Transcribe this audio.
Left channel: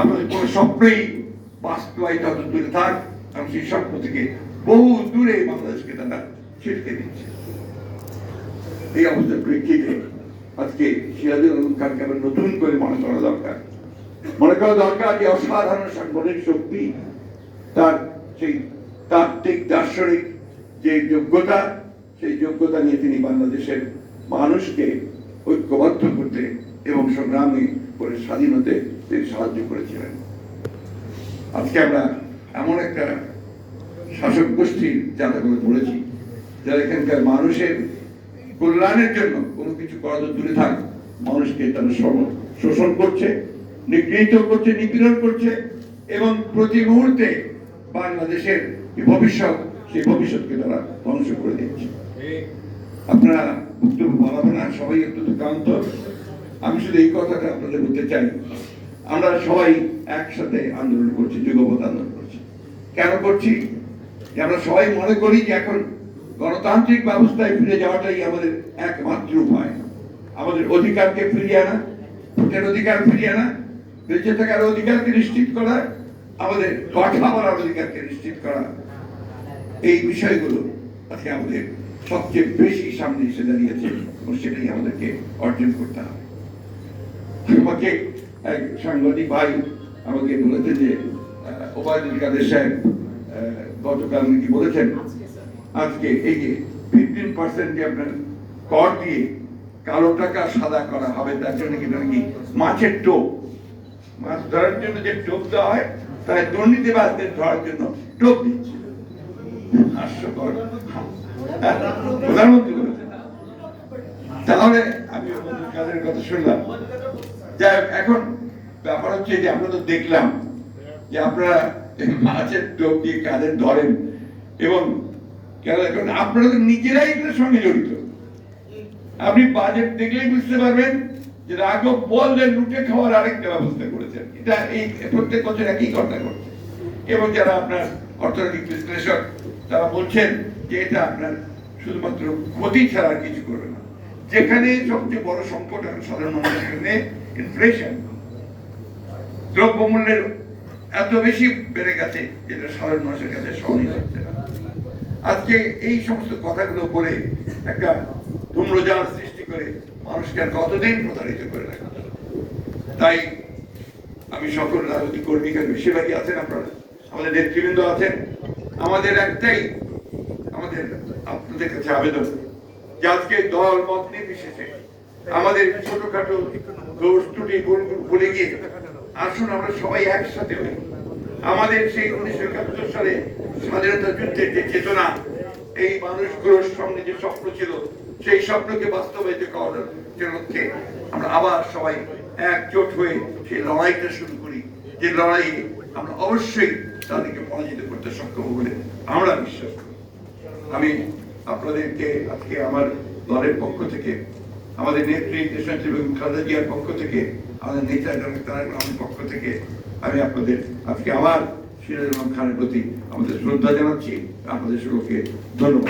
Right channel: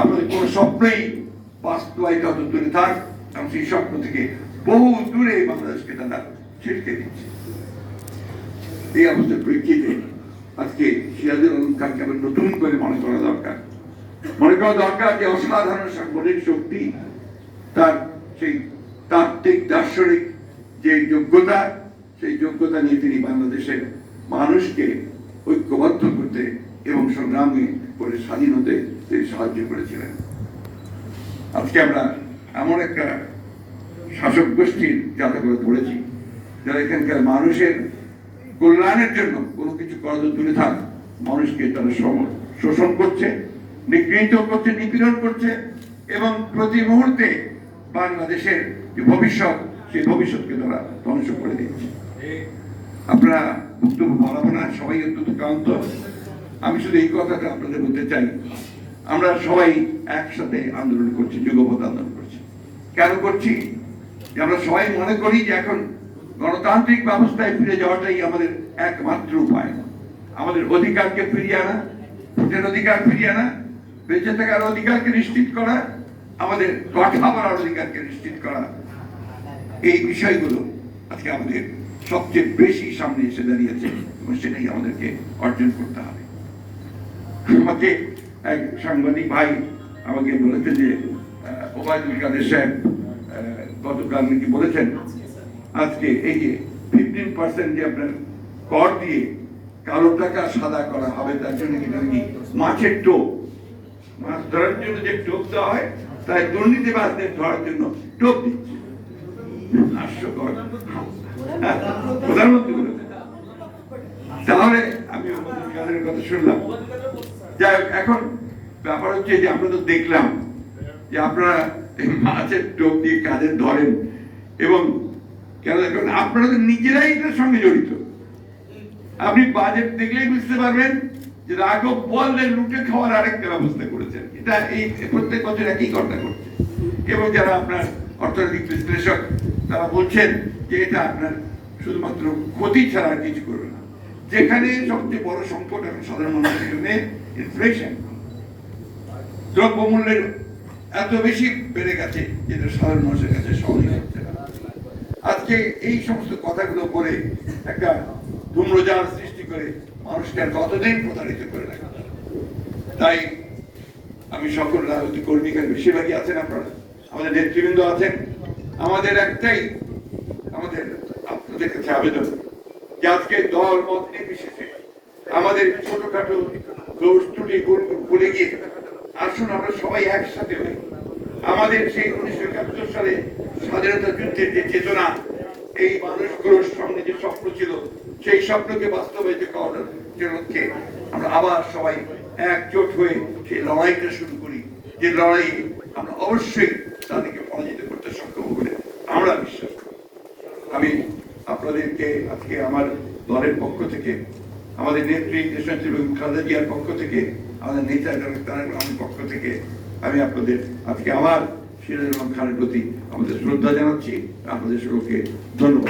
আপনাদের কোনো স্বপ্নই বাস্তবায়িত হতে দূরে থাক, এবং সেই স্বপ্ন থেকে বহু দূরে বাংলাদেশকে তারা ছিটতে দিচ্ছে। এই অবস্থার প্রেক্ষিতে আজকে সিরাজুল আলম খানকে আবার নতুন করে মনে করা দরকার যে অসাধারণ সাংগঠনিক শক্তি, তার সেই তাত্ত্বিক দার্শনিক যে যোগ্যতা, সেই যোগ্যতা নিয়ে তিনি বাংলাদেশের মানুষকে ঐক্যবদ্ধ করতে এবং সংগ্রামী করে স্বাধীন হতে তিনি সাহায্য করেছিলেন। আজকে আমরা এমন একটা শাসক গোষ্ঠীর যাতে করে পড়েছি যারা এখানকার মানুষের কল্যাণের জন্য কোনো কিছু করা তো দূরে থাক, মানুষকে তারা শোষণ করছে, নিগৃহীত করছে, নিপীড়ন করছে, এবং প্রতি মুহূর্তে বাংলাদেশের যে ভবিষ্যৎ, সেই ভবিষ্যৎকে তারা ধ্বংস করে দিচ্ছে। আপনারা বক্তব্য বলাবো না, সবাই অত্যন্ত ক্লান্ত। আমি শুধু এই কথাটা আপনাদের বলতে চাই, আমরা সবাই একসাথে আন্দোলন করছি, যুগপৎ আন্দোলন করছি। কেন করছি? যে আমরা সবাই মনে করি যে এখন গণতান্ত্রিক ব্যবস্থায় ফিরে যাওয়াটাই আমাদের একমাত্র উপায়। আমাদের অধিকারকে ফিরিয়ে আনা, ভোটের অধিকার ফিরিয়ে আনা, বেঁচে থাকার অধিকারকে নিশ্চিত করা, আমাদের কথা বলার অধিকারকে নিশ্চিত করা, এই বিষয়গুলো আজকে আমাদের সবচেয়ে বেশি সামনে এসে দাঁড়িয়েছে, এবং সেটাই আমাদেরকে অর্জন করতে হবে। আমাকে এক সাংবাদিক ভাই আমাকে বলেছে যে ওবায়দুল কাদের সাহেব গতকাল নাকি বলেছেন আজকে এই যে 15% যে আপনার কর দিয়ে কালো টাকা সাদা করা হবে, তার জন্য কি নাকি মাছের টোপ, মাছ ধরার জন্য যে টোপ দেওয়া হয়, তাই দুর্নীতিবাজদের ধরার জন্য টোপ দিচ্ছে। হাস্যকর। প্রধানমন্ত্রী বলেছেন। তাহলে আমি কাদের কথা শুনলাম। যাই এখন ব্যাপার হচ্ছে যে আমরা তো দেখলাম যে আপনারা মাছের টোপ দিয়ে কাদের ধরেন, এবং এখন আপনারা তো নিজেরাই এটার সঙ্গে জড়িত। আপনি বাজেট দেখলেই বুঝতে পারবেন যে রাঘব বললে লুটে খাওয়ার আরেকটা ব্যবস্থা করেছেন। এটা এই প্রত্যেক বছর একই ঘটনা ঘটছে, এবং যারা আপনার অর্থনৈতিক বিশ্লেষক তারা বলছেন যে এটা আপনার শুধুমাত্র ক্ষতি ছাড়া আর কিছু করবে না। যেখানে সবচেয়ে বড় সংকট এখন সাধারণ মানুষের জন্য ইনফ্লেশন, দ্রব্যমূল্যের এত বেশি বেড়ে গেছে যেটা সাধারণ মানুষের কাছে সহনীয় হচ্ছে না। আজকে এই সমস্ত কথাগুলো করে একটা ধূম্রজাল সৃষ্টি করে মানুষকে আর কতদিন প্রতারিত করে রাখা। তাই আমি সকল রাজনৈতিক কর্মীদের বেশিরভাগই আছেন, আপনারা আমাদের নেতৃবৃন্দ আছেন, আমাদের একটাই আমাদের আপনাদের কাছে আবেদন যে আজকে দল মত নির্বিশেষে আমাদের ছোটখাটো দোষ ত্রুটি ভুলে গিয়ে আসুন আমরা সবাই একসাথে হই। আমাদের সেই 1971 সালে স্বাধীনতা যুদ্ধের যে চেতনা, এই মানুষগুলোর সঙ্গে যে স্বপ্ন ছিল, সেই স্বপ্নকে বাস্তবায়িত করার জন্য আমরা আবার সবাই একজোট হয়ে সেই লড়াইটা শুরু করি, যে লড়াই আমরা অবশ্যই তাদেরকে পরাজিত করতে সক্ষম বলে আমরা বিশ্বাস করি। আমি আপনাদেরকে আজকে আমার দলের পক্ষ থেকে, আমাদের নেত্রী দেশনেত্রী বেগম খালেদা জিয়ার পক্ষ থেকে, আমাদের নেতা তারেক রহমানের পক্ষ থেকে আমি আপনাদের আজকে আমার সিরাজুল আলম খানের প্রতি আমাদের শ্রদ্ধা জানাচ্ছি। আপনাদের সকলকে ধন্যবাদ।